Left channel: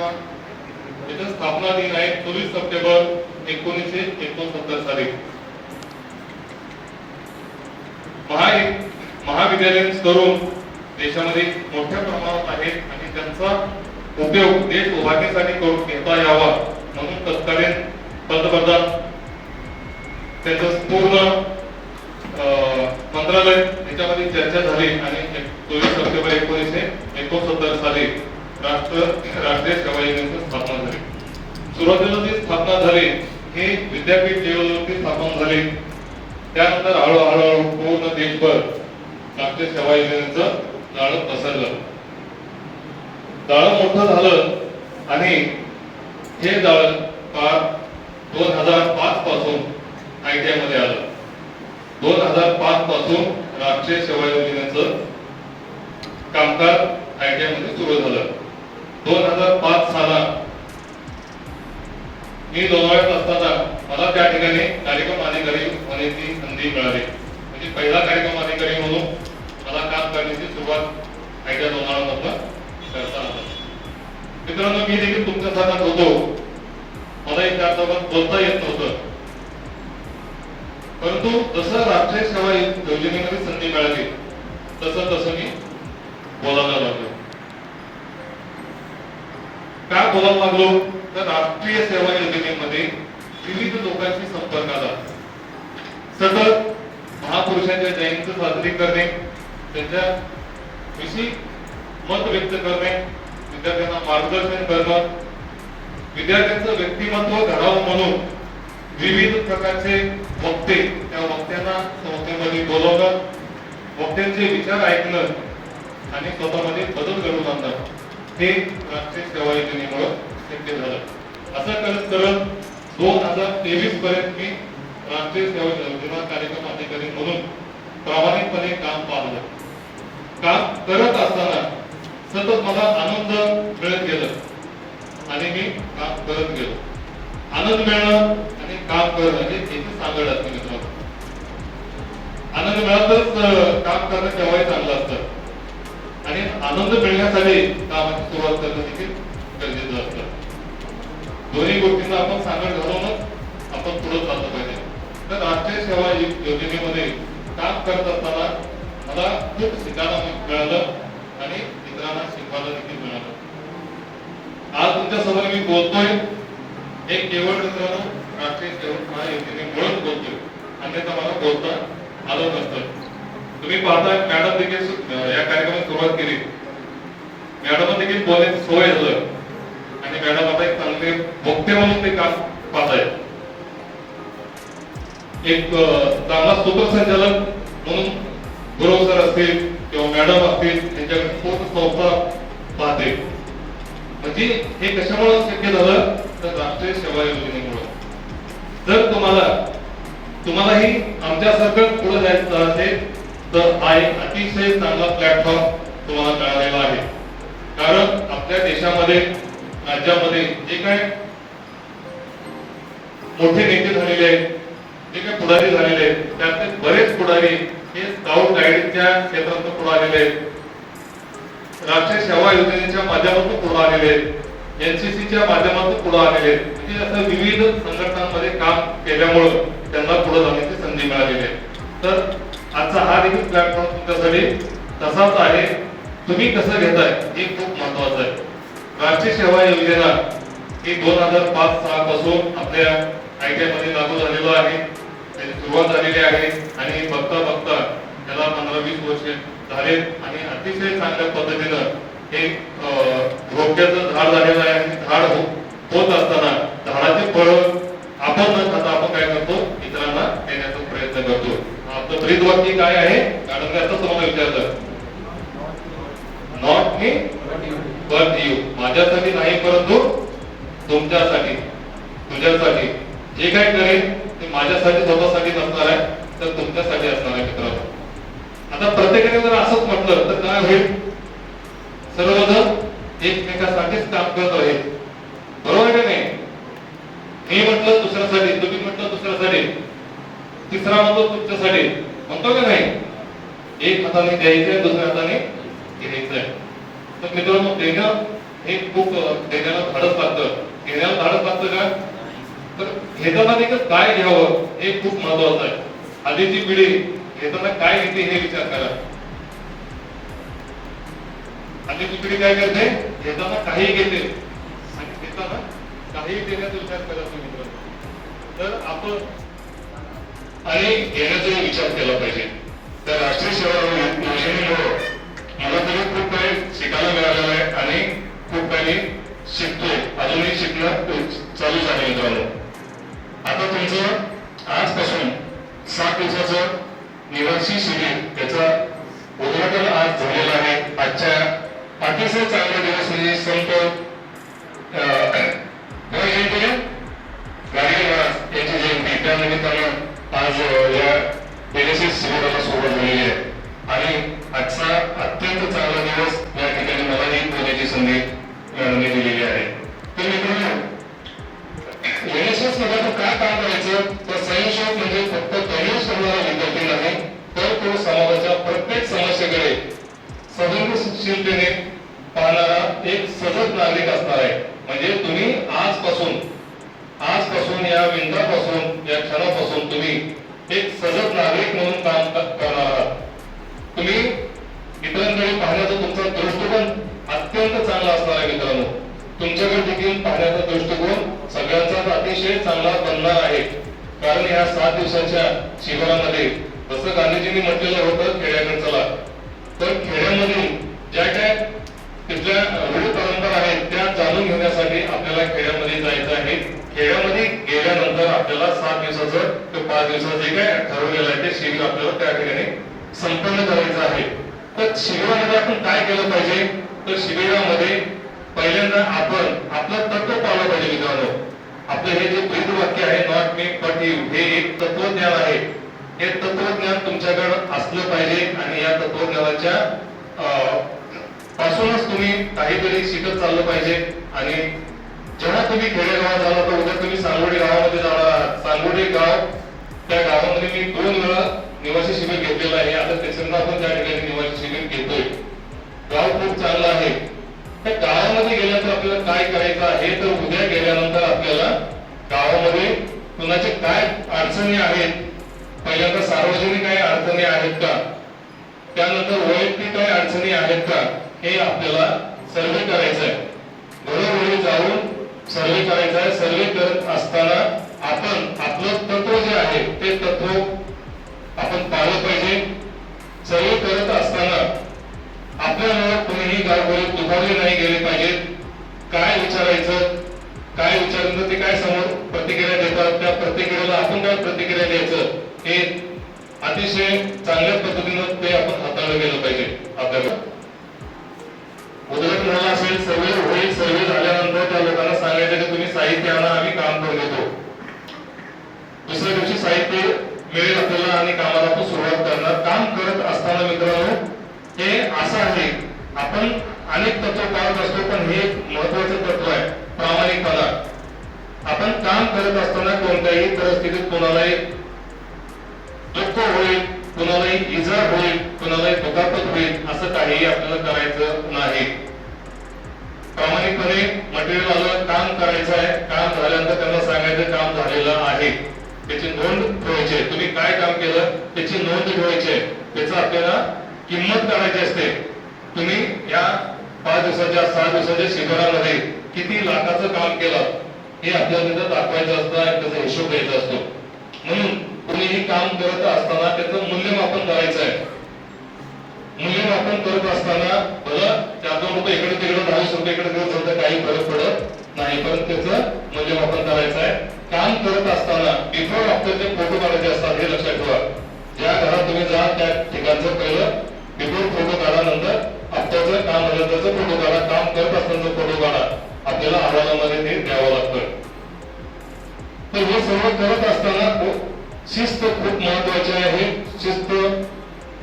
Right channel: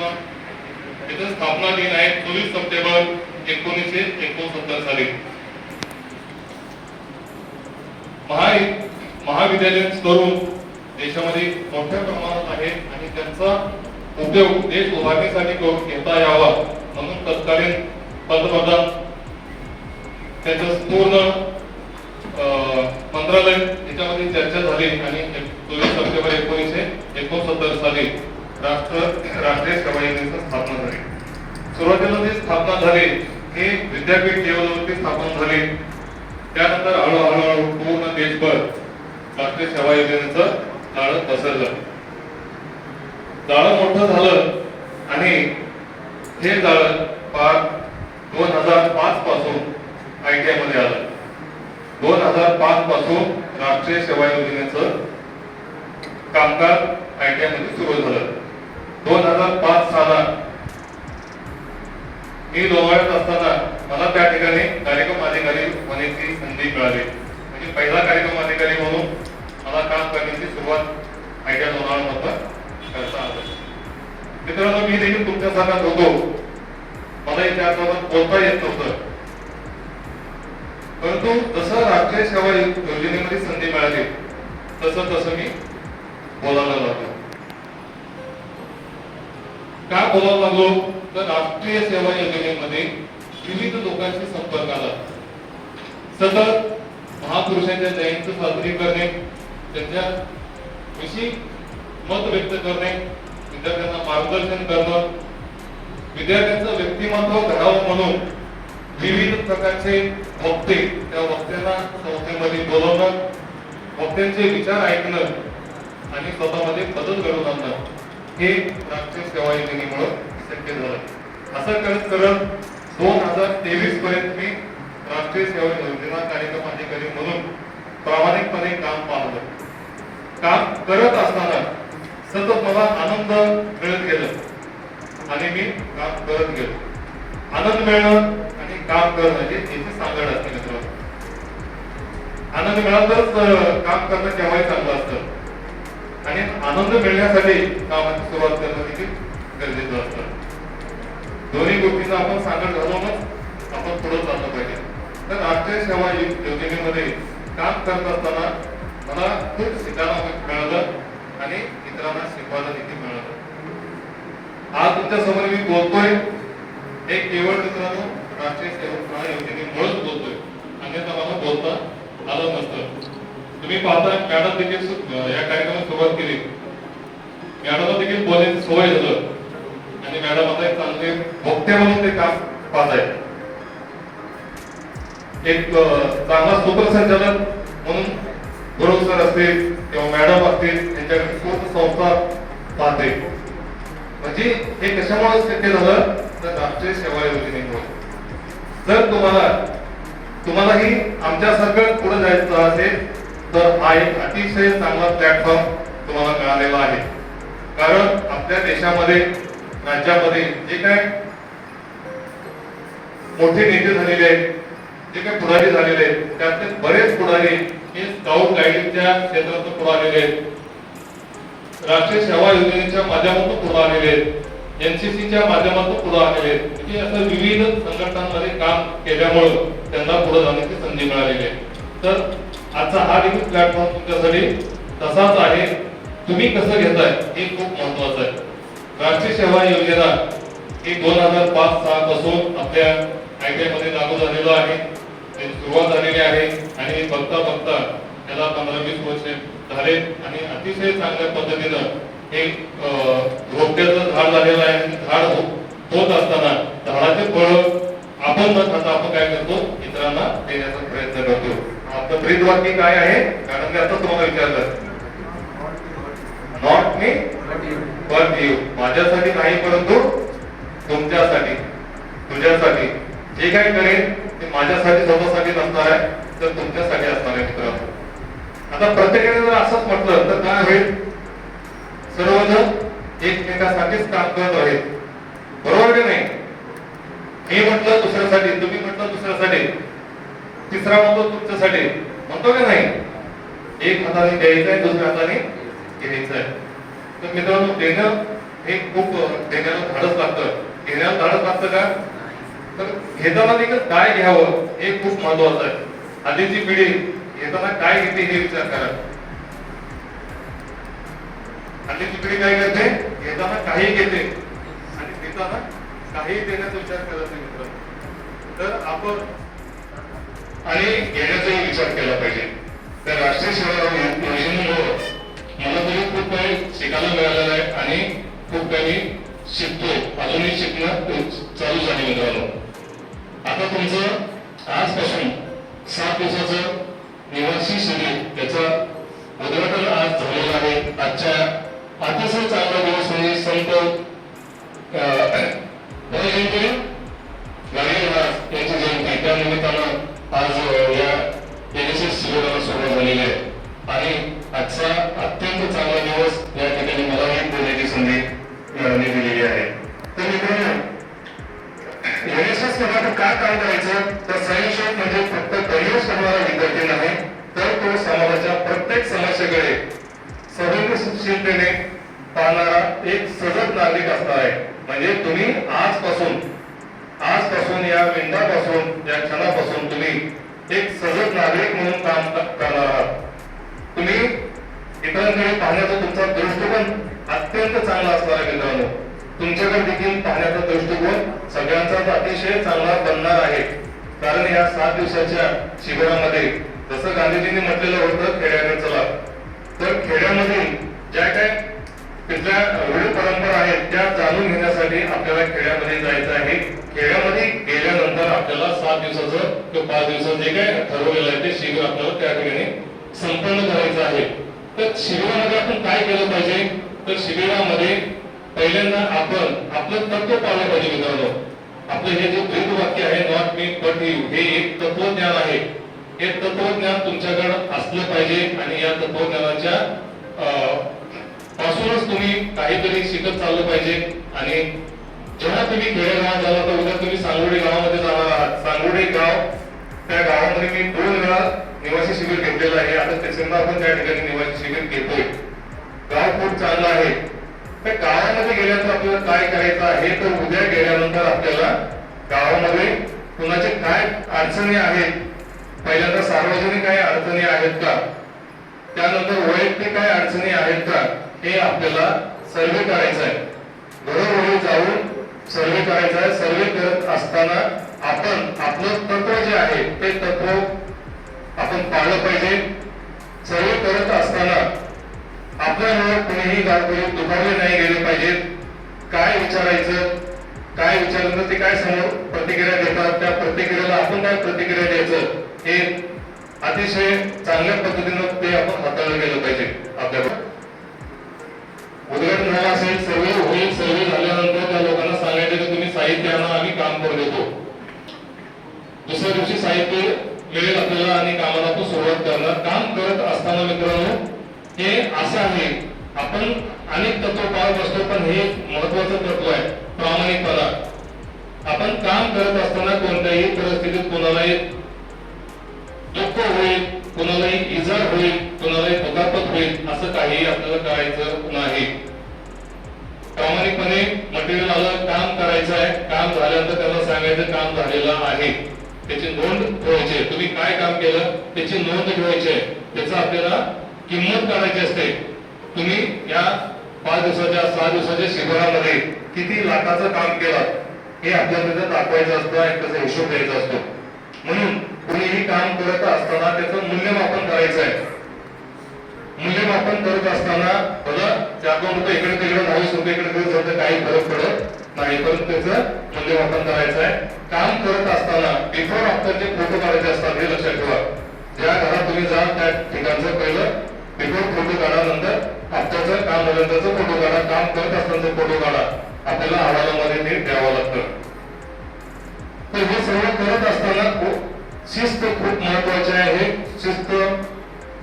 संघटना याची स्थापना दिन आहे 24 सप्टेंबर 1969 साली. महाविद्यालयीन तरुण देशामध्ये मोठ्या प्रमाणात आहेत आणि त्यांचा उपयोग देश उभारणीसाठी करून घेता यावा म्हणून तत्कालीन पंतप्रधान त्यांचं पूर्ण मंत्रालय याच्यामध्ये चर्चा झाली आणि 24 सप्टेंबर 1969 साली राष्ट्रीय सेवा योजनेची स्थापना झाली. सुरुवातीला जी स्थापना झाली हे विद्यापीठ लेवलवरती स्थापना झाली. त्यानंतर हळूहळू पूर्ण देशभर राष्ट्रीय सेवा योजनेचं जाळं पसरलं. जाळं मोठं झालं आणि हे जाळं फार 2005 पासून ITI मध्ये आलं. 2005 पासून राष्ट्रीय सेवा योजनेचं कामकाज ITI मध्ये सुरू झालं. 2005 सालात मी लोणावळ्यात असताना मला त्या ठिकाणी कार्यक्रम अधिकारी होण्याची संधी मिळाली. म्हणजे पहिला कार्यक्रम अधिकारी म्हणून मला काम करण्याची सुरुवात ITI लोणावळ्यामधून करता आलं. मित्रांनो, मी देखील तुमच्यासारखा होतो. मला त्यासोबत बोलता येत नव्हतं, परंतु जसं राष्ट्रीय सेवा योजनेमध्ये संधी मिळाली तसं मी बोलायला लागलो. का बोलायला लागलो तर राष्ट्रीय सेवा योजनेमध्ये विविध लोकांशी संपर्क आला. सतत महापुरुषांच्या जयंती साजरी करणे, त्यांच्या विषयी मत व्यक्त करणे, विद्यार्थ्यांना मार्गदर्शन करणं, विद्यार्थ्यांचं व्यक्तिमत्व घडावं म्हणून विविध प्रकारचे वक्ते, त्या वक्त्यांना संस्थेमध्ये बोलवणं, वक्त्यांचे विचार ऐकणं आणि स्वतःमध्ये बदल घडवून आणणं हे राष्ट्रीय सेवा योजनेमुळे शक्य झालं. असं करत करत 2023 पर्यंत मी राष्ट्रीय सेवा योजना कार्यक्रम अधिकारी म्हणून प्रामाणिकपणे काम पाहलं. काम करत असताना सतत मला आनंद मिळत गेला आणि मी काम करत गेलो. आनंद मिळणं आणि काम करणं याची सांगड असते मित्रांनो. आनंद मिळालंच काम करणं केव्हाही चांगलं असतं आणि आनंद मिळण्यासाठी कामाची सुरुवात करणं देखील गरजेचं असतं. दोन्ही गोष्टींना आपण सांगड घालूनच आपण पुढे चाललं पाहिजे. तर राष्ट्रीय सेवा योजनेमध्ये काम करत असताना मला खूप शिकायला मिळालं आणि इतरांना शिकवायला देखील मिळालं. आज तुमच्या समोर मी बोलतोय हे केवळ मित्रांनो राष्ट्रीय सेवा योजनेमुळेच बोलतोय, अन्यथा मला बोलता आलं नसतं. तुम्ही पाहताय मॅडम देखील या कार्यक्रमात सुरुवात केली. मॅडम देखील बोलायची सवय झालं आणि मॅडम आता एक चांगले वक्ते म्हणून ते काम पाहतायत. एक चांगला सूत्रसंचालक म्हणून गुरव सर असतील किंवा मॅडम असतील यांच्याकडे पूर्ण संस्था पाहते. म्हणजे हे कशामुळे शक्य झालं तर राष्ट्रीय सेवा योजनेमुळे. जर तुम्हालाही आमच्यासारखं पुढे जायचं असेल तर हा एक अतिशय चांगला प्लॅटफॉर्म तुम्हाला मिळालेला आहे. कारण आपल्या देशामध्ये राज्यामध्ये जे काय मोठे नेते झालेले आहेत, जे काही पुढारी झालेले आहेत, त्यातले बरेच पुढारी हे स्काउट गायडिंगच्या क्षेत्रातून पुढे आलेले आहेत, राष्ट्रीय सेवा योजनेच्या माध्यमातून पुढे आलेले आहेत, NCCच्या माध्यमातून पुढे आलेले आहेत. म्हणजे असं विविध संघटनांमध्ये काम केल्यामुळे त्यांना पुढे जाण्याची संधी मिळालेली आहे. तर आजचा हा देखील प्लॅटफॉर्म तुमच्यासाठी तसाच आहे. तुम्ही कसं घेताय हे खूप महत्वाचं आहे. राष्ट्रीय सेवा योजना ही 2005 पासून आपल्या ITI मध्ये लागू झालेलं आहे. त्याची सुरुवात झालेली आहे आणि बघता बघता त्याला 15-20 वर्ष झाले आणि अतिशय चांगल्या पद्धतीनं हे रोपट्याचं झाड झालेलं आहे. आणि झाड होत असताना झाडाचे फळ आपण न खाता आपण काय करतो, इतरांना देण्याचा प्रयत्न करतो. आपलं ब्रीद वाक्य काय आहे? कारण आता तुम्हाला विचारलं, नॉट मी बट यू. माझ्यासाठी नाही परंतु तुमच्यासाठी, तुझ्यासाठी. जे काय करेन ते माझ्यासाठी स्वतःसाठी नसणार आहे तर तुमच्यासाठी असणार आहे मित्रांनो. आता प्रत्येकाने जर असंच म्हटलं तर काय होईल? सर्वजण एकमेकासाठीच काम करत आहेत. बरोबर की नाही? मी म्हटलं दुसऱ्यासाठी, तुम्ही म्हटलं दुसऱ्यासाठी, तिसरा म्हणतो तुमच्यासाठी, म्हणतो की नाही? एक हाताने द्यायचंय, दुसऱ्या हाताने घ्यायचंय. तर मित्रांनो, देणं हे खूप देण्याला धाडस लागतं. घेण्याला धाडस लागतं का, तर घेताना देखील काय घ्यावं हे खूप महत्वाचं आहे. हल्लीची पिढी घेताना काय घेते हे विचार करा. हल्लीची पिढी काय करते, घेताना काही घेते आणि देताना काही देण्याचा विचार करत नाही मित्रांनो. तर आपण आणि घेण्याचा विचार केला पाहिजे. त्या राष्ट्रीय सेवा योजनेमुळे मला तरी खूप काही शिकायला मिळालेलं आहे आणि खूप काही शिकतोय. अजूनही शिकणं चालूच आहे मित्रांनो. आता तुमचं आजपासून 7 दिवसाचं निवासी शिबिर त्याचा उद्घाटन आज झालेलं आहे. आजच्या अतिशय चांगला दिवस म्हणजे संत जयंती गाडगे महाराज यांची जयंती. त्या निमित्तानं आज या एनएसएस शिबिराला सुरुवात झालेली आहे आणि आजचा अत्यंत चांगला दिवस या ठिकाणी मलाही बोलण्याची संधी दिलेली आहे. तर मित्रांनो, एनएसएस मध्ये काय काम करायचं, तर स्वयंसेवक म्हणजे फक्त करिअर करणारा विद्यार्थी नाही, तर तो समाजाच्या प्रत्येक समस्येकडे संवेदनशीलतेने पाहणारा एक सजग नागरिक असणार आहे. म्हणजे तुम्ही आजपासून या मिनिटापासून या क्षणापासून तुम्ही एक सजग नागरिक म्हणून काम करणार आहात. तुम्ही इतरांकडे पाहण्याचा तुमचा दृष्टिकोन अत्यंत चांगला असणार आहे मित्रांनो. तुमच्याकडे देखील पाहण्याचा दृष्टिकोन सगळ्यांचाच अतिशय चांगला बनणार आहे. कारण या 7 दिवसाच्या शिबिरामध्ये जसं गांधीजींनी म्हटलेलं होतं खेड्याकडे चला, तर खेड्यामध्ये ज्या काय तिथल्या रूढी परंपरा आहेत त्या जाणून घेण्यासाठी आपल्याला खेड्यामध्ये जायचं आहे. खेड्यामध्ये गेल्यानंतर आपल्याला 7 दिवसाचं किंवा 5 दिवसाचं जे काय ठरवलेलं आहे ते शिबिर आपल्याला त्या ठिकाणी संपन्न करायचं आहे. तर शिबिरामध्ये आपण काय केलं पाहिजे, तर शिबिरामध्ये पहिल्यांदा आपण आपलं तत्व पाळलं पाहिजे मित्रांनो. आपलं हे जे ब्रीद वाक्य आहे, नॉट मी बट यू, हे एक तत्वज्ञान आहे. हे तत्वज्ञान तुमच्याकडे असलं पाहिजे आणि या तत्वज्ञानाच्या पासूनच तुम्ही काहीतरी शिकत चाललं पाहिजे. आणि जेव्हा तुम्ही खेडेगावात झाला तर उद्या तुम्ही सांगोडे गावामध्ये जाणार आहात. सांगोडे गाव, त्या गावामध्ये मी 2 वेळा निवासी शिबिर घेतलेलं आहे. आता तिसऱ्यांदा आपण त्या ठिकाणी निवासी शिबिर घेतोय. गाव खूप चांगलं आहे. त्या गावामध्ये गेल्यानंतर आपल्याला काय करायचं आहे, तर उद्या गेल्यानंतर आपल्याला गावामध्ये कुणाचे काय अडचणी आहेत, पहिल्यांदा सार्वजनिक काही अडचणी आहेत का, त्यानंतर वैयक्तिक काही अडचणी आहेत का, हे आपल्याला सर्वे करायचं आहे. घरोघरी जाऊन सर्वे करायचा आहे. सर्वे करत असताना आपण आपलं तत्व जे आहे ते तत्व आपण पाळलं पाहिजे. सर्वे करत असताना आपल्यामुळे कोणीही गावकरी दुखावले नाही गेले पाहिजेत. काय विचारायचं, काय विचारलं ते काय समोर प्रतिक्रिया देतात, त्या प्रतिक्रियेला आपण काय प्रतिक्रिया द्यायचं, हे अतिशय चांगल्या पद्धतीनं ते आपण हाताळलं गेलं पाहिजे. आपल्याला उद्घाटन झालं असेल, सर्वे होईल. सर्वे झाल्यानंतर त्या लोकांना सांगायचं की तुम्ही साहित्य आणा, आम्ही काम करू देतो. दुसऱ्या दिवशी साहित्य मिळेल आपल्याला आणि कामाला आपण सुरुवात करणार. काम करत असताना मित्रांनो हे असं आहे, आपण अनेक तत्व पाळत असतो, पण हे महत्वाचं तत्व आहे प्रामाणिकपणा. आपण काम करत असताना कोणत्याही परिस्थितीत कोणालाही दुःख होईल, कोणालाही इजा होईल, कोणालाही दुखापत होईल असं काहीही आपल्याला करायचं नाही. प्रामाणिकपणे मटेरियल आलं, काम करायचं आहे. काम झाल्यानंतर त्यांना सांगायचं काम झालेलं आहे, त्याची नोंद ठेवायची आहे. तुम्ही काय काम केलं त्याची नोंद ठेवायची आहे. त्याचं आपल्याला किंमत करायची असते. तुम्ही या 5 दिवसाच्या 6 दिवसाच्या शिबिरामध्ये किती लाखाचं काम केलं हे आपल्याला तिथं दाखवायचं असतं आणि त्याचा हिशोब द्यायचा असतो. म्हणून तुम्ही हे काम करत असताना त्याचं मूल्यमापन करायचं आहे. मूल्यमापन करत असताना बघा 4-2 रुपये इकडे तिकडे 20 रुपये इकडे तिकडे सध्या काही फरक पडत नाही, पण त्याचं मूल्यमापन करायचं आहे. काम करत असताना बिफोर आफ्टरचे फोटो काढायचे असतात, हे लक्षात ठेवा. ज्या घरात तुम्ही जाल त्या ठिकाणचं पहिलं बिफोर फोटो काढा, नंतर आफ्टरचं काम झाल्यानंतरचं फोटो काढा, काम करत असताना फोटो काढा. आपल्याला अहवालामध्ये ते द्यावं लागतं. तर हे सर्व करत असताना शिस्त खूप महत्वाची आहे. शिस्त,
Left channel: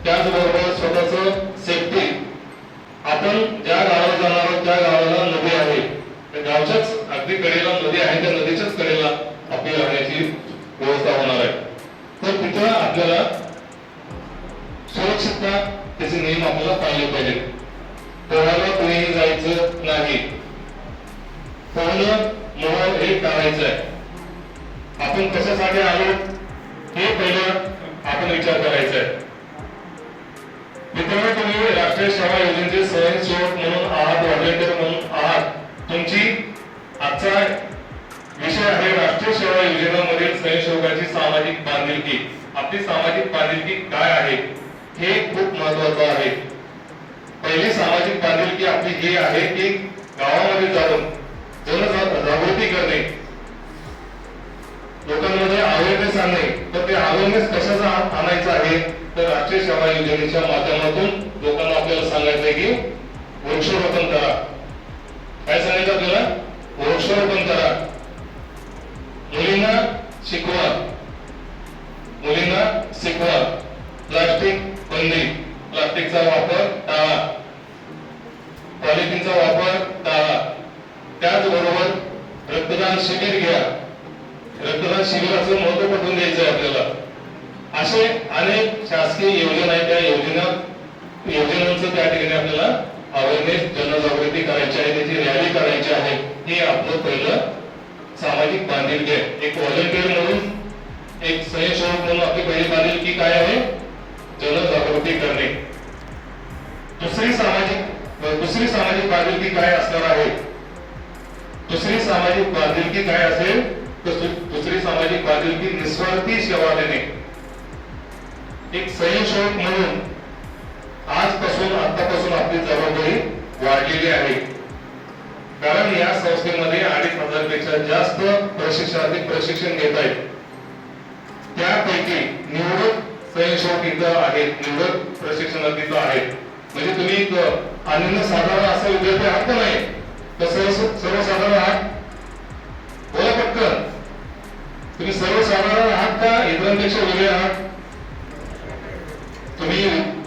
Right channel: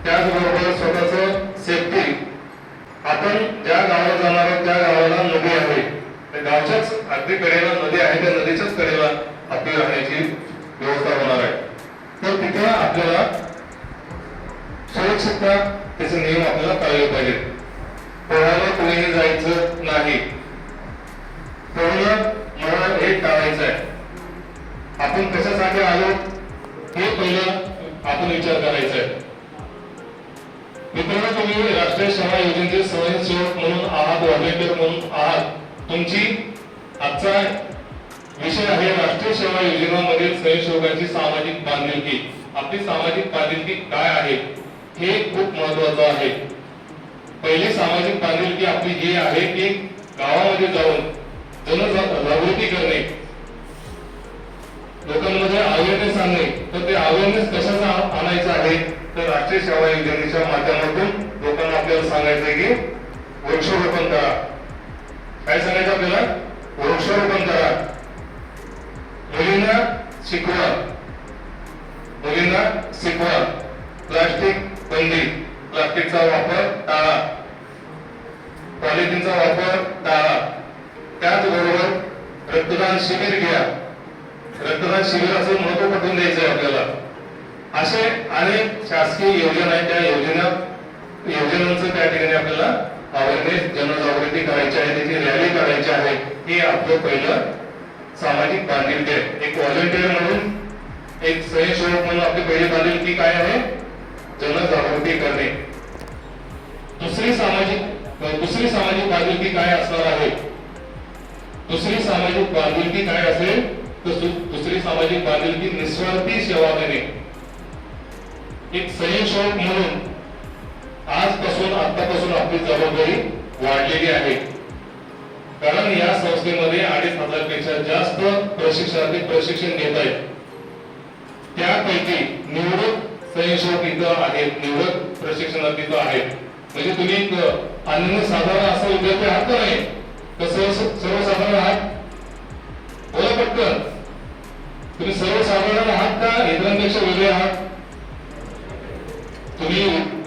त्याचबरोबर स्वतःच सेफ्टी. आपण ज्या गावाला जाणार आहोत त्या गावाला नदी आहे, त्या गावच्याच अगदी कडेला नदी आहे, त्या नदीच्याच कडेला आपली राहण्याची व्यवस्था होणार आहे. तर तिथे आपल्याला सुरक्षितता त्याचे नियम आपल्याला पाळले पाहिजेत. पोहायला कुणीही जायचं नाही. होणं मोहर हे टाळायचं आहे. आपण कशासाठी आलो हे पहिलं आपण विचार करायचा आहे. मित्रांनो, तुम्ही राष्ट्रीय सेवा योजनेचे स्वयंसेवक म्हणून आहात, व्हॉलेंटियर म्हणून आहात. तुमची आजचा विषय आहे राष्ट्रीय सेवा योजनेमधील स्वयंसेवकांची सामाजिक बांधिलकी. आपली सामाजिक बांधिलकी काय आहे हे खूप महत्वाचं आहे. पहिली सामाजिक बांधिलकी आपली ही आहे की गावामध्ये जाऊन जनजागृती करणे, लोकांमध्ये अवेअरनेस आणणे. तर ते अवेअरनेस कशाचा आणायचं आहे तर राष्ट्रीय सेवा योजनेच्या माध्यमातून लोकांना आपल्याला सांगायचं आहे की वृक्षारोपण करा. काय सांगायचं आपल्याला? वृक्षारोपण करा. मुलींना शिकवा, मुलींना शिकवा. प्लास्टिक बंदी, प्लास्टिकचा वापर टाळा, पॉलिथिनचा वापर टाळा. त्याचबरोबर रक्तदान शिबिर घ्या. रक्तदान शिबिराचं महत्व पटवून द्यायचं आहे आपल्याला. असे अनेक शासकीय योजना आहेत. त्या योजनांचं त्या ठिकाणी आपल्याला अवेअरनेस, जनजागृती करायची आहे, त्याची रॅली करायची आहे. हे आपलं पहिलं सामाजिक बांधिलकी आहे. एक व्हॉलंटियर म्हणून, एक स्वयंसेवक म्हणून आपली पहिली बांधिलकी काय आहे? जनजागृती करणे. दुसरी सामाजिक बांधिलकी काय असणार आहे? दुसरी सामाजिक बांधिलकी काय असेल तर दुसरी सामाजिक बांधिलकी निस्वार्थी सेवा देणे. एक स्वयंसेवक म्हणून आतापासून आपली जबाबदारी वाढलेली आहे. कारण या संस्थेमध्ये 2,500 पेक्षा जास्त प्रशिक्षण घेत आहेत. त्यापैकी निवडक स्वयंसेवक इथं आहेत, निवडक प्रशिक्षणार्थी इथं आहेत. म्हणजे तुम्ही अनन्यसाधारण असा विद्यार्थी आहात का नाही? कसं सर्वसाधारण आहात? बोला पटकन. तुम्ही सर्वसाधारण आहात का इतरांपेक्षा वेगळे आहात? तुम्ही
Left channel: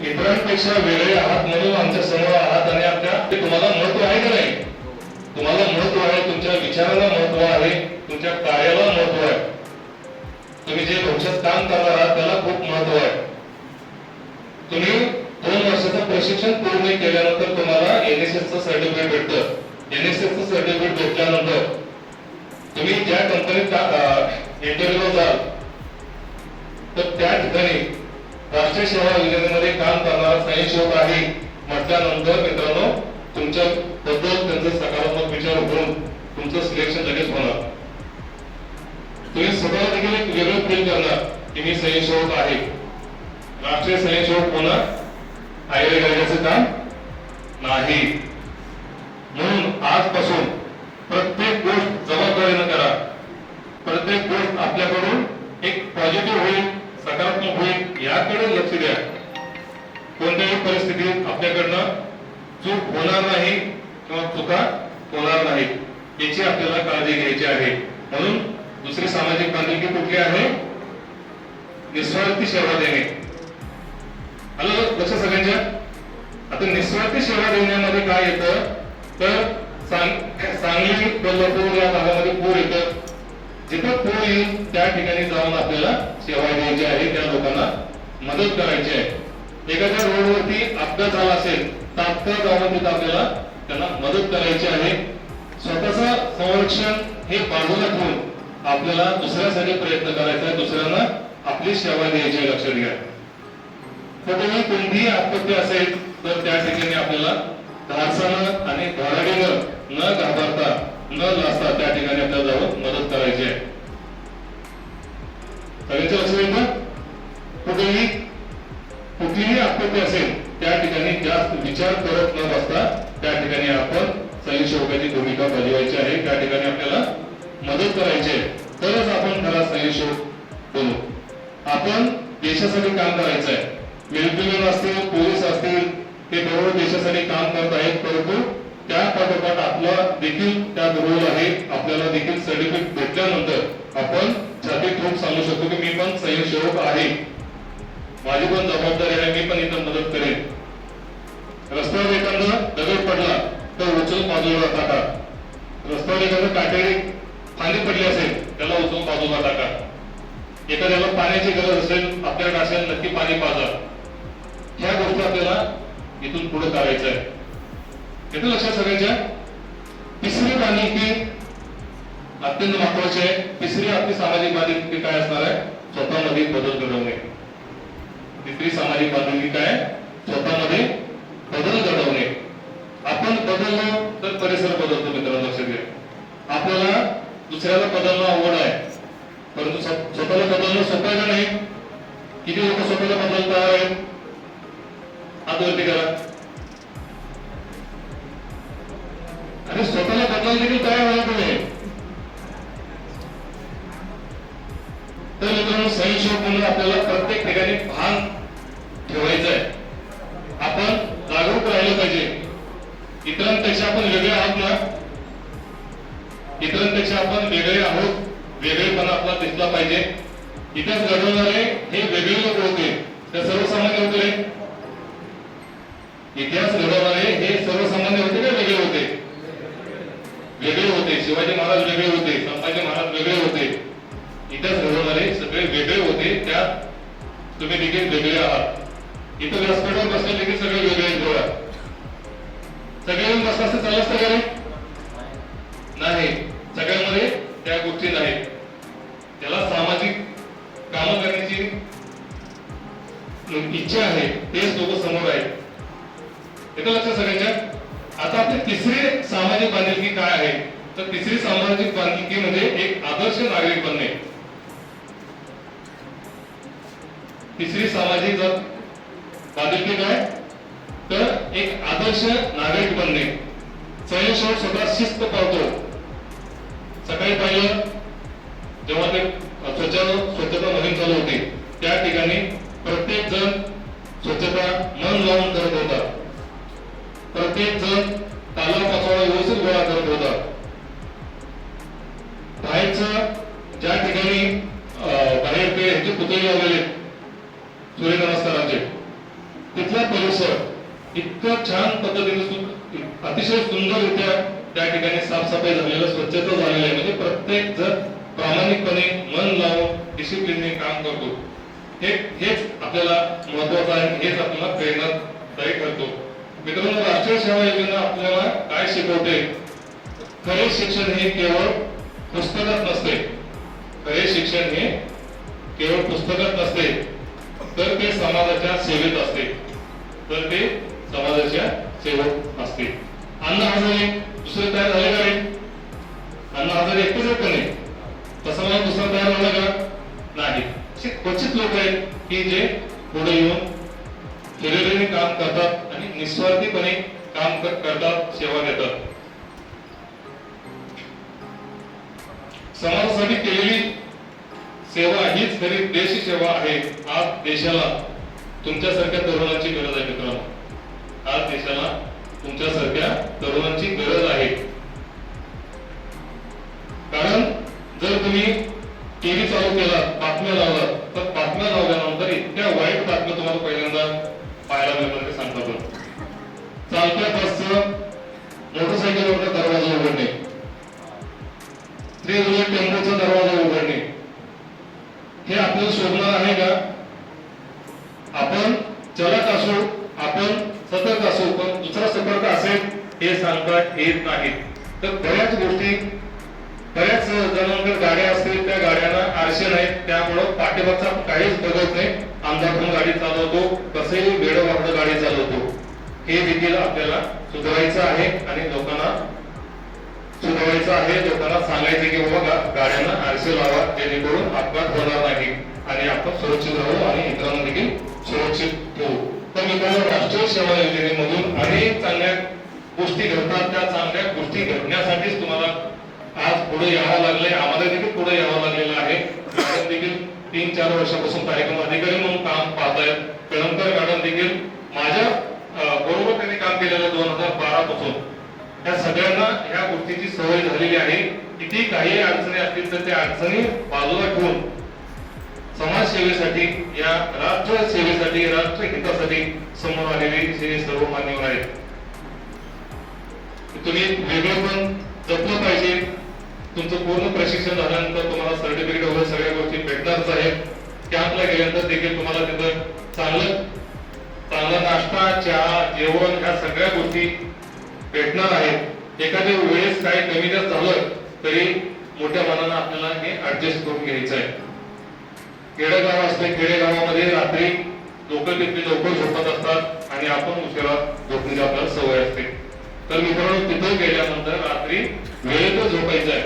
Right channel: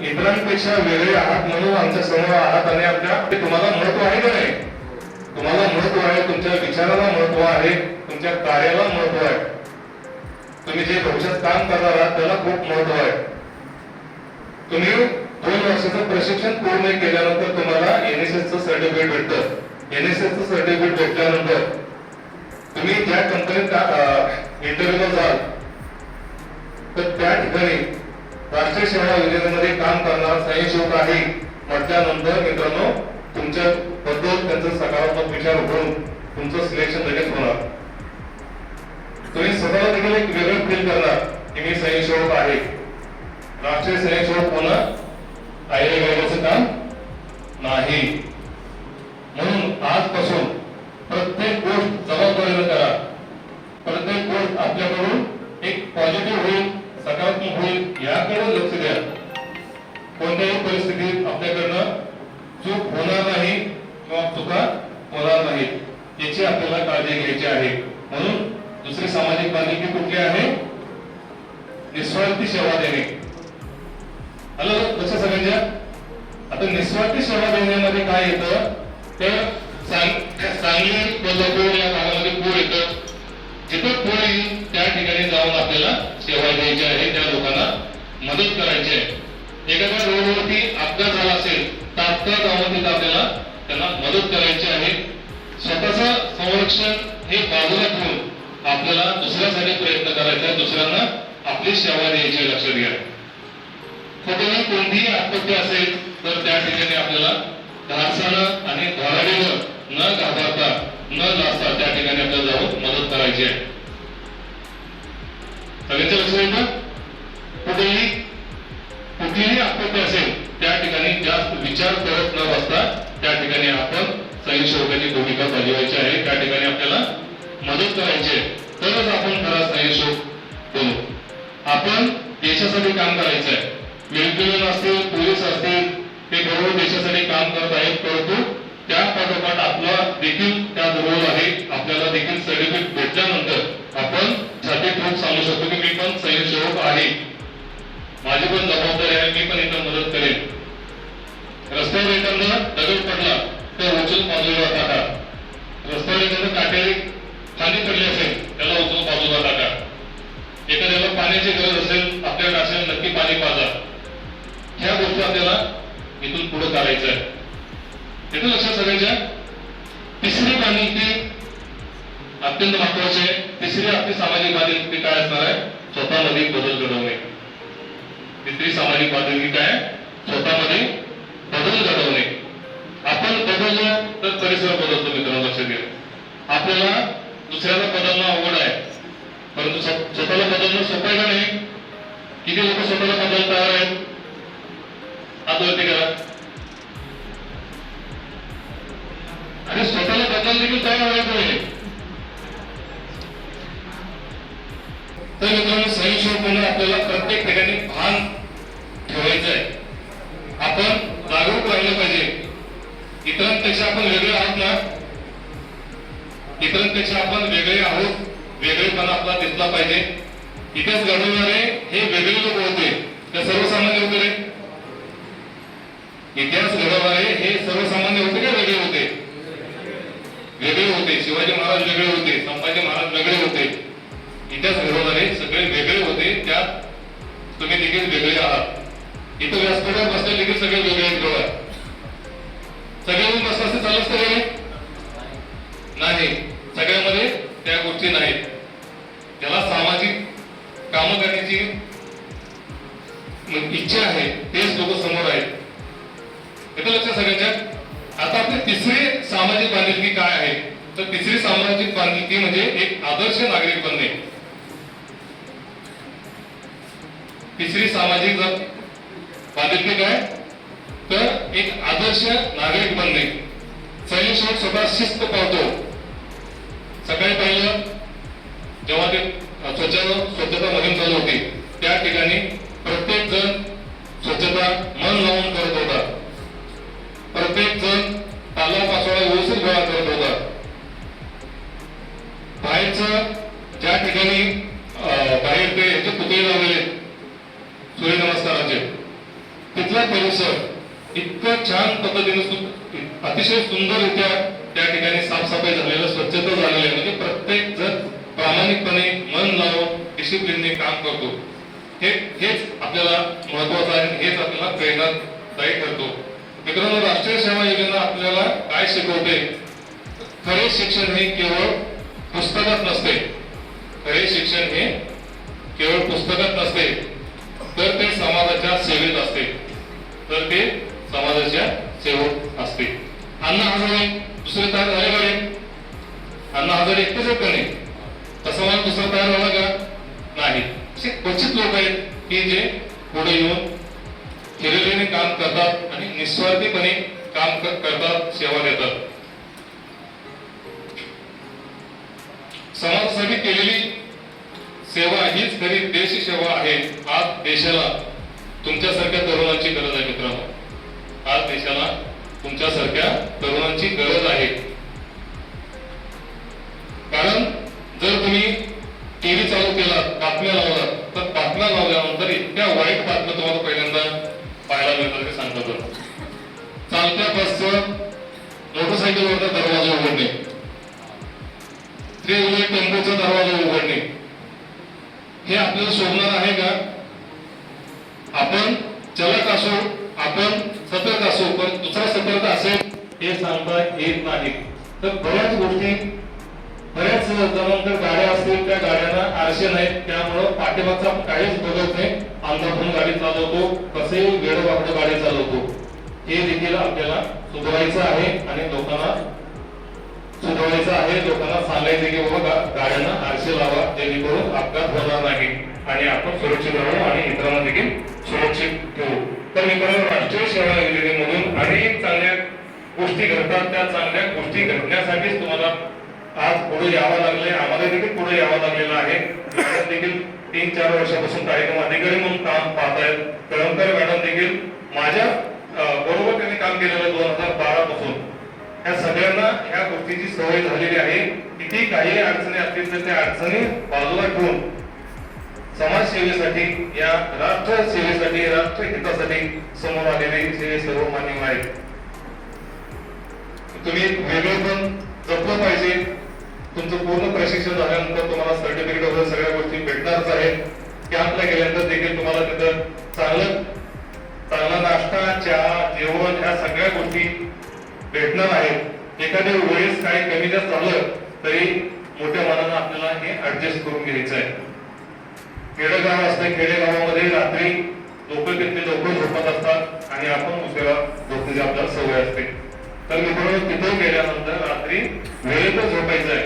इतरांपेक्षा वेगळे आहात म्हणून आमच्या समोर आहात आणि आमच्या तुम्हाला महत्व आहे का नाही? तुम्हाला महत्व आहे, तुमच्या विचाराला महत्व आहे, तुमच्या कार्याला महत्व आहे. तुम्ही जे भविष्यात काम करणार आहात त्याला खूप महत्व आहे. तुम्ही 2 वर्षाचं प्रशिक्षण पूर्ण केल्यानंतर तुम्हाला एनएसएसचं सर्टिफिकेट भेटतं. एनएसएसचं सर्टिफिकेट भेटल्यानंतर तुम्ही ज्या कंपनीत इंटरव्ह्यूला जाल तर त्या ठिकाणी राष्ट्रीय सेवा योजनेमध्ये काम करणारा स्वयंसेवक आहे म्हटल्यानंतर मित्रांनो तुमच्या बद्दल त्यांचा सकारात्मक विचार होऊन तुमचं सिलेक्शन लगेच होणार. तुम्ही स्वतःला देखील एक वेगळं फील करणार की मी स्वयंसेवक आहे. राष्ट्रीय स्वयंसेवक होणं आयडिया घ्यायचं काम नाही. म्हणून आजपासून प्रत्येक गोष्ट जबाबदारीने करा. प्रत्येक गोष्ट आपल्याकडून एक पॉझिटिव्ह होईल, सकारात्मक होईल याकडे लक्ष द्या. कोणत्याही परिस्थितीत आपल्याकडनं चूक होणार नाही किंवा चुका होणार नाही याची आपल्याला काळजी घ्यायची आहे. म्हणून दुसरी सामाजिक बांधिलकी कुठली आहे? निस्वार्थी सेवा देणे. आलं लक्ष सगळ्यांच्या? आता निस्वार्थी सेवा देण्यामध्ये काय येतं तर सांगली, कोल्हापूर या भागामध्ये पूर येतं. जिथे पूर येईल त्या ठिकाणी जाऊन आपल्याला सेवा द्यायची आहे, त्या लोकांना मदत करायची आहे. एखाद्या रोडवरती अपघात झाला असेल तात्काळ जाऊन तिथे आपल्याला त्यांना मदत करायची आहे. स्वतःचं संरक्षण हे बाजूला ठेवून आपल्याला दुसऱ्यासाठी प्रयत्न करायचा आहे, दुसऱ्यांना आपली सेवा द्यायची. लक्षात घ्या. कुठेही कोणतीही आपत्ती असेल तर त्या ठिकाणी आपल्याला धाडसानं आणि धाराडीनं न घाबरता न लाजता त्या ठिकाणी आपल्याला जाऊन मदत करायची आहे. सगळ्यांच्या लक्षात येईल का? कुठलीही आपत्ती असेल त्या ठिकाणी जास्त विचार करत न बसता त्या ठिकाणी आपण स्वयंसेवकाची भूमिका बजावायची आहे. त्या ठिकाणी आपल्याला मदत करायची आहे. तरच आपण खरा स्वयंसेवक बनू. आपण देशासाठी काम करायचं आहे. मिलिटरी असतील, पोलीस असतील, ते बरोबर देशासाठी काम करत आहेत. परंतु त्या पाठोपाठ आपला देखील त्यात रोल आहे. आपल्याला देखील सर्टिफिकेट भेटल्यानंतर आपण छाती ठोक सांगू शकतो की मी पण स्वयंसेवक आहे, माझी पण जबाबदारी आहे, मी पण इथं मदत करेन. रस्त्यावर एखादा दगड पडला तर उचल बाजूला टाका. रस्त्यावर एखादं काटेरी फांदी पडली असेल त्याला उचलून बाजूला टाका. एखाद्याला पाण्याची गरज असेल, आपल्याकडे असेल, नक्की पाणी पाजा. ह्या गोष्टी आपल्याला इथून पुढे करायचं आहे. येतं लक्षात सगळ्यांच्या? तिसरी बांधिलकी अत्यंत महत्वाचे आहे. तिसरी आपली सामाजिक बांधिलकी काय असणार आहे? स्वतःमध्ये बदल घडवणे. तिसरी सामाजिक बांधिलकी काय? स्वतःमध्ये बदल घडवणे. आपण बदललो तर परिसर बदलतो. मित्रांनो लक्षात घ्या. आपल्याला दुसऱ्याला बदलणं अवघड आहे, परंतु स्वतःला बदलणं सोपं आहे का नाही? किती लोक स्वतःला बदलत तयार आहेत? हात वरती करा. आणि स्वतःला बदल देखील तयार व्हायचं नाही. तर मित्रांनो स्वयंसेवक आपल्याला प्रत्येक ठिकाणी भान ठेवायचं आहे. आपण जागरूक राहिलं पाहिजे. इतरांपेक्षा आपण वेगळे आहोत ना? इतरांपेक्षा आपण वेगळे आहोत. वेगळेपणा आपला दिसला पाहिजे. इतिहास घडवणारे हे वेगळे लोक होते, ते सर्वसामान्य होते रे. इतिहास घडवणारे हे सर्वसामान्य होते का वेगळे होते? वेगळे होते. शिवाजी महाराज वेगळे होते, संभाजी महाराज वेगळे होते. इतिहास घडवणारे सगळे वेगळे होते. त्यात तुम्ही देखील वेगळे आहात. इथं व्यासपीठावर बसले देखील सगळे वेगळे आहेत बघा. सगळे येऊन बसला असं चालू असतं का नाही? सगळ्यांमध्ये त्या गोष्टी नाहीत. ज्याला सामाजिक कामं करण्याची इच्छा आहे तेच लोक समोर आहेत. येतं लक्षात सगळ्यांच्या? आता आपली तिसरी सामाजिक बांधिलकी काय आहे? तर तिसरी सामाजिक बांधिलकी म्हणजे एक आदर्श नागरिक बनणे. तिसरी सामाजिक बांधिलकी काय? तर एक आदर्श नागरिक बनणे. स्वयंसेवक स्वतः शिस्त पाळतो. सकाळी पाहिलं जेव्हा ते स्वच्छता मोहीम चालू होती त्या ठिकाणी प्रत्येक जण स्वच्छता मन लावून करत होता. प्रत्येक जण पालापाचोळा व्यवस्थित गोळा करत होता. बाहेरचं ज्या ठिकाणी बाहेर ते ह्याचे पुतळे लावलेले सूर्यनमस्काराचे, तिथला परिसर इतकं छान पद्धतीने अतिशय सुंदररित्या त्या ठिकाणी साफसफाई झालेलं, स्वच्छता झालेली आहे. म्हणजे प्रत्येक जण प्रामाणिकपणे मन लावून डिसिप्लिनने काम करतो. हेच आपल्याला महत्वाचं आहे. हेच आपल्याला प्रेरणादायी ठरतो. मित्रांनो राष्ट्रीय सेवा योजना आपल्याला काय शिकवते? खरे शिक्षण हे केवळ पुस्तकात नसते. खरे शिक्षण हे केवळ पुस्तकात नसते, तर ते समाजाच्या सेवेत असते. तर ते समाजाच्या सेवक असते. अण्णा हजारे दुसरे तयार झाले का नाही? अण्णा हजारे एकटेच आहेत का नाही? तसं मला दुसरं तयार झालं का नाही? असे क्वचित लोक आहेत की जे पुढे येऊन हिरिरीने काम करतात आणि निस्वार्थीपणे काम करतात, सेवा देतात. समाजासाठी केलेली सेवा हीच खरी देश सेवा आहे. आज देशाला तुमच्यासारख्या तरुणांची गरज आहे मित्रांनो. आज देशाला तुमच्यासारख्या तरुणांची गरज आहे. कारण जर तुम्ही टीव्ही चालू केला, बातम्या लावला, तर बातम्या लावल्यानंतर इतक्या वाईट बातम्या तुम्हाला पहिल्यांदा पाहायला मिळतात ते सांगतात. चालत्या बसचं मोटरसायकलवरचा दरवाजा उघडणे, रेल्वे टेम्पोचा दरवाजा उघडणे, हे आपल्याला शोभणार आहे का? आपण चलत असू, आपण सतर्क असू, पण दुसरा सतर्क असेल हे सांगता येत नाही. तर बऱ्याच गोष्टी, बऱ्याच जणांकडे गाड्या असतील, त्या गाड्यांना आरशे नाहीत, त्यामुळं पाठीमागचा काहीच बघत नाही. अंधाधुंद गाडी चालवतो, कसंही वेळोवाकडं गाडी चालवतो. हे देखील आपल्याला सुधारायचं आहे आणि लोकांना सुधारायचं आहे. लोकांना सांगायचं की बाबा गाड्यांना आरशे लावा, जेणेकरून अपघात होणार नाही आणि आपण सुरक्षित राहू आणि इतरांना देखील सुरक्षित ठेवू. तर मित्रांनो राष्ट्रीय सेवा योजनेमधून अनेक चांगल्या गोष्टी घडतात. त्या चांगल्या गोष्टी घडण्यासाठीच तुम्हाला आज पुढे यावं लागले. आम्हाला देखील पुढे यावं लागलेलं आहे. देखील 3-4 वर्षापासून कार्यक्रम अधिकारी म्हणून काम पाहत आहेत. कळमकर मॅडम देखील माझ्या बरोबर त्यांनी काम केलेलं 2012 पासून. या सगळ्यांना ह्या गोष्टीची सवय झालेली आहे. किती काही अडचणी असतील तर त्या अडचणी बाजूला ठेवून समाज सेवेसाठी, या राष्ट्र सेवेसाठी, राष्ट्र हितासाठी समोर आलेले हे सर्व मान्यवर आहेत. तुम्ही वेगळेपण जपलं पाहिजे. तुमचं पूर्ण प्रशिक्षण झाल्यानंतर तुम्हाला सर्टिफिकेट वगैरे सगळ्या गोष्टी भेटणारच आहेत. कॅम्पला गेल्यानंतर देखील तुम्हाला तिथं चांगला नाश्ता, चहा, जेवण ह्या सगळ्या गोष्टी भेटणार आहेत. एखाद्या वेळेस काही कमी जास्त झालं तरी मोठ्या मनानं आपल्याला हे ऍडजस्ट करून घ्यायचं आहे. खेडेगाव असते, खेडेगावामध्ये रात्री लोक तिथले लवकर झोपत असतात आणि आपण उशिरा झोपण्याची आपल्याला सवय असते. तर मित्रांनो, तिथं गेल्यानंतर रात्री वेळेतच झोपायचं आहे.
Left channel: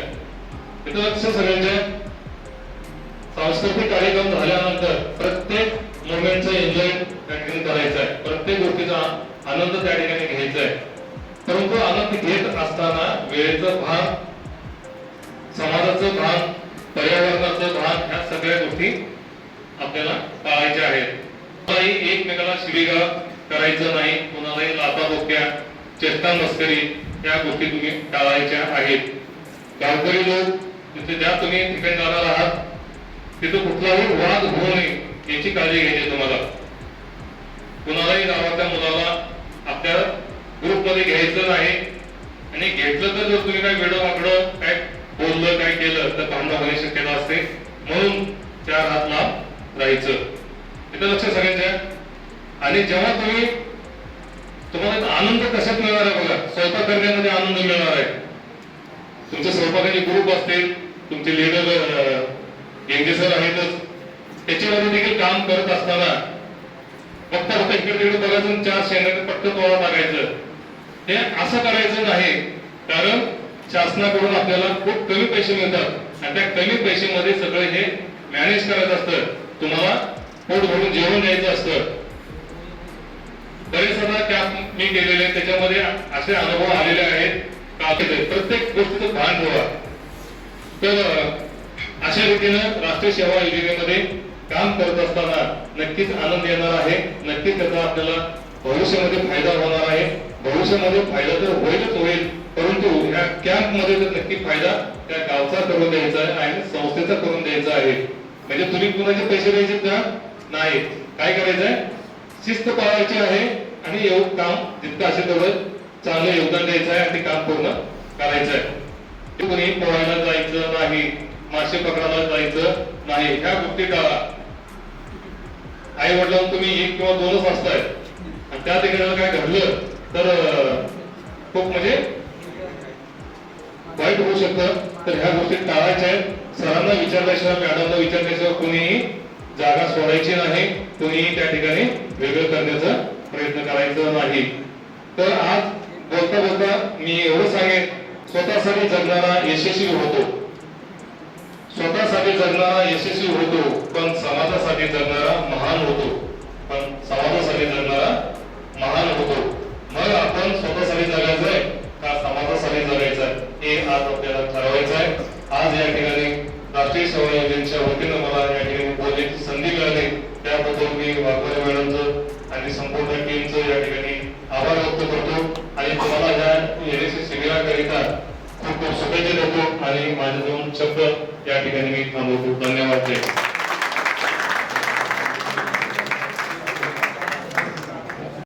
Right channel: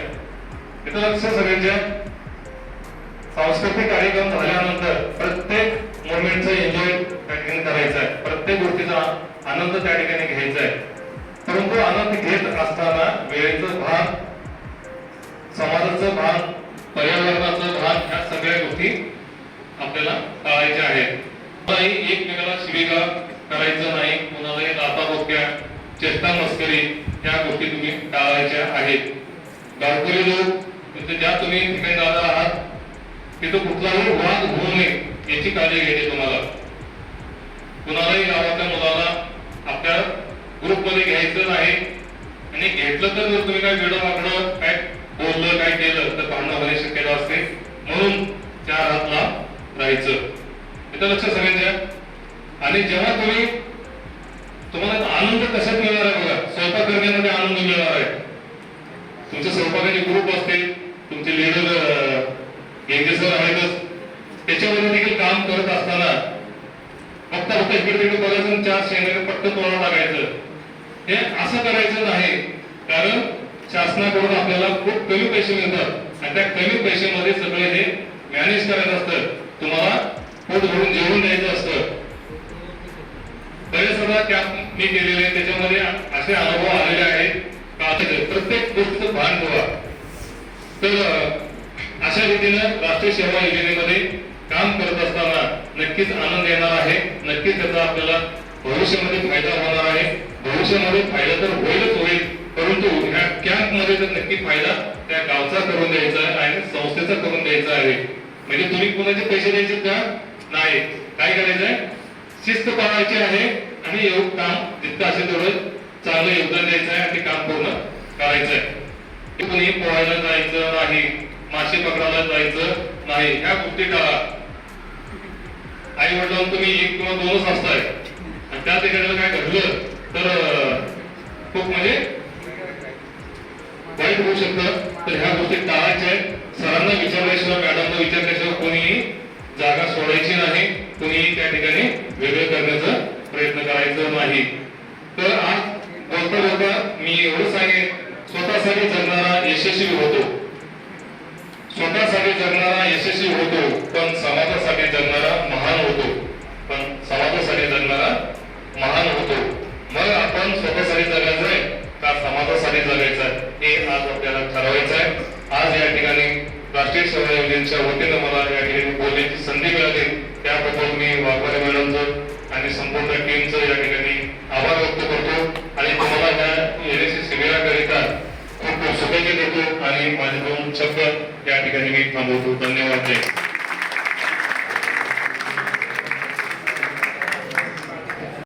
तिथं लक्ष सगळ्यांच्या सांस्कृतिक कार्यक्रम झाल्यानंतर प्रत्येक मोमेंटचा एन्जॉय त्या ठिकाणी करायचा आहे, प्रत्येक गोष्टीचा आनंद त्या ठिकाणी घ्यायचा आहे. परंतु आनंद घेत असताना वेळेचं भान, समाजाचं भान, पर्यावरणाचं भान, ह्या सगळ्या गोष्टी आपल्याला पाळायच्या आहेत. कोणालाही एकमेकाला शिवीगाळ करायचं नाही, कोणालाही लाथाबुक्क्या, चेष्टा मस्करी या गोष्टी तुम्ही टाळायच्या आहेत. गावकरी लोक तिथे ज्या तुम्ही ठिकाणी जाणार आहात तिथं कुठलाही वाद होऊ नये याची काळजी घ्यायची तुम्हाला. कुणालाही गावाच्या मुलाला आपल्या ग्रुपमध्ये घ्यायचं नाही आणि घेतलं तर जर तुम्ही काय वेडं वाकडं काय बोललं काय केलं तर भांडण होण्याची शक्यता असते. म्हणून चार हात लांब राहायचं. इथं लक्ष सगळ्यांच्या. आणि जेव्हा तुम्हाला आनंद कशात मिळणार आहे बघा, स्वयंपाक करण्यामध्ये आनंद मिळणार आहे. तुमचे स्वयंपाकाचे ग्रुप असते, तुमचे लीडर सर आहेतच, त्याच्यामध्ये देखील काम करत असताना फक्त इकडे तिकडे बघायचं, चार शेणाने पट्ट तोडा टाकायचं, हे असं करायचं नाही. कारण शासनाकडून आपल्याला खूप कमी पैसे मिळतात आणि त्या कमी पैशामध्ये सगळे हे मॅनेज करायचं असतं. तुम्हाला पोट भरून जेवण द्यायचं असतं. बरेच कॅम्प मी केलेले, त्याच्यामध्ये असे अनुभव आलेले आहेत का प्रत्येक गोष्टीचं भान ठेवा. तर अशा रीतीनं राष्ट्रीय सेवा योजनेमध्ये काम करत असताना नक्कीच आनंद येणार आहे. नक्कीच त्याचा आपल्याला भविष्यामध्ये फायदा होणार आहे. भविष्यामध्ये फायदा तर होईलच होईल, परंतु ह्या कॅम्प मध्ये तर नक्की फायदा त्या गावचा करून द्यायचा आहे आणि संस्थेचा करून द्यायचा आहे. म्हणजे तुम्ही कुणाचे पैसे द्यायचे का नाही, काय करायचंय, शिस्त पाळायची आहे आणि एवढं काम जितकं असेल तेवढं चांगलं योगदान द्यायचं आहे आणि ते काम पूर्ण करायचं आहे. कोणी पोहायला जायचं नाही, मासे पकडायला जायचं नाही, ह्या गोष्टी टाळा. आई वडिलांना तुम्ही एक किंवा दोनच असताय आणि त्या ठिकाणी काय घडलं तर खूप म्हणजे वाईट होऊ शकतं. तर ह्या गोष्टी टाळायच्या आहेत. सरांना विचारल्याशिवाय, मॅडमला विचारल्याशिवाय कोणीही जागा सोडायची नाही, कोणीही त्या ठिकाणी वेगळं करण्याचा प्रयत्न करायचा नाही. तर आज बोलता बोलता मी एवढं सांगेन, स्वतःसाठी जगणारा यशस्वी होतो, स्वतःसाठी जगणारा यशस्वी होतो, पण समाजासाठी जगणारा महान होतो, पण समाजासाठी जगणारा महान होतो. मग आपण स्वतःसाठी जगायचंय का समाजासाठी जगायचं हे आज आपल्याला ठरवायचं आहे. आज या ठिकाणी राष्ट्रीय सेवा योजनेच्या वतीनं मला या ठिकाणी बोलण्याची संधी मिळाली, त्याबद्दल मी वाघमारे मॅडमचं आणि संपूर्ण टीमचं या ठिकाणी आभार व्यक्त करतो आणि तुम्हाला या एनएससी शिबिराकरिता खूप खूप शुभेच्छा देतो आणि माझे दोन शब्द या ठिकाणी मी थांबवतो. धन्यवाद.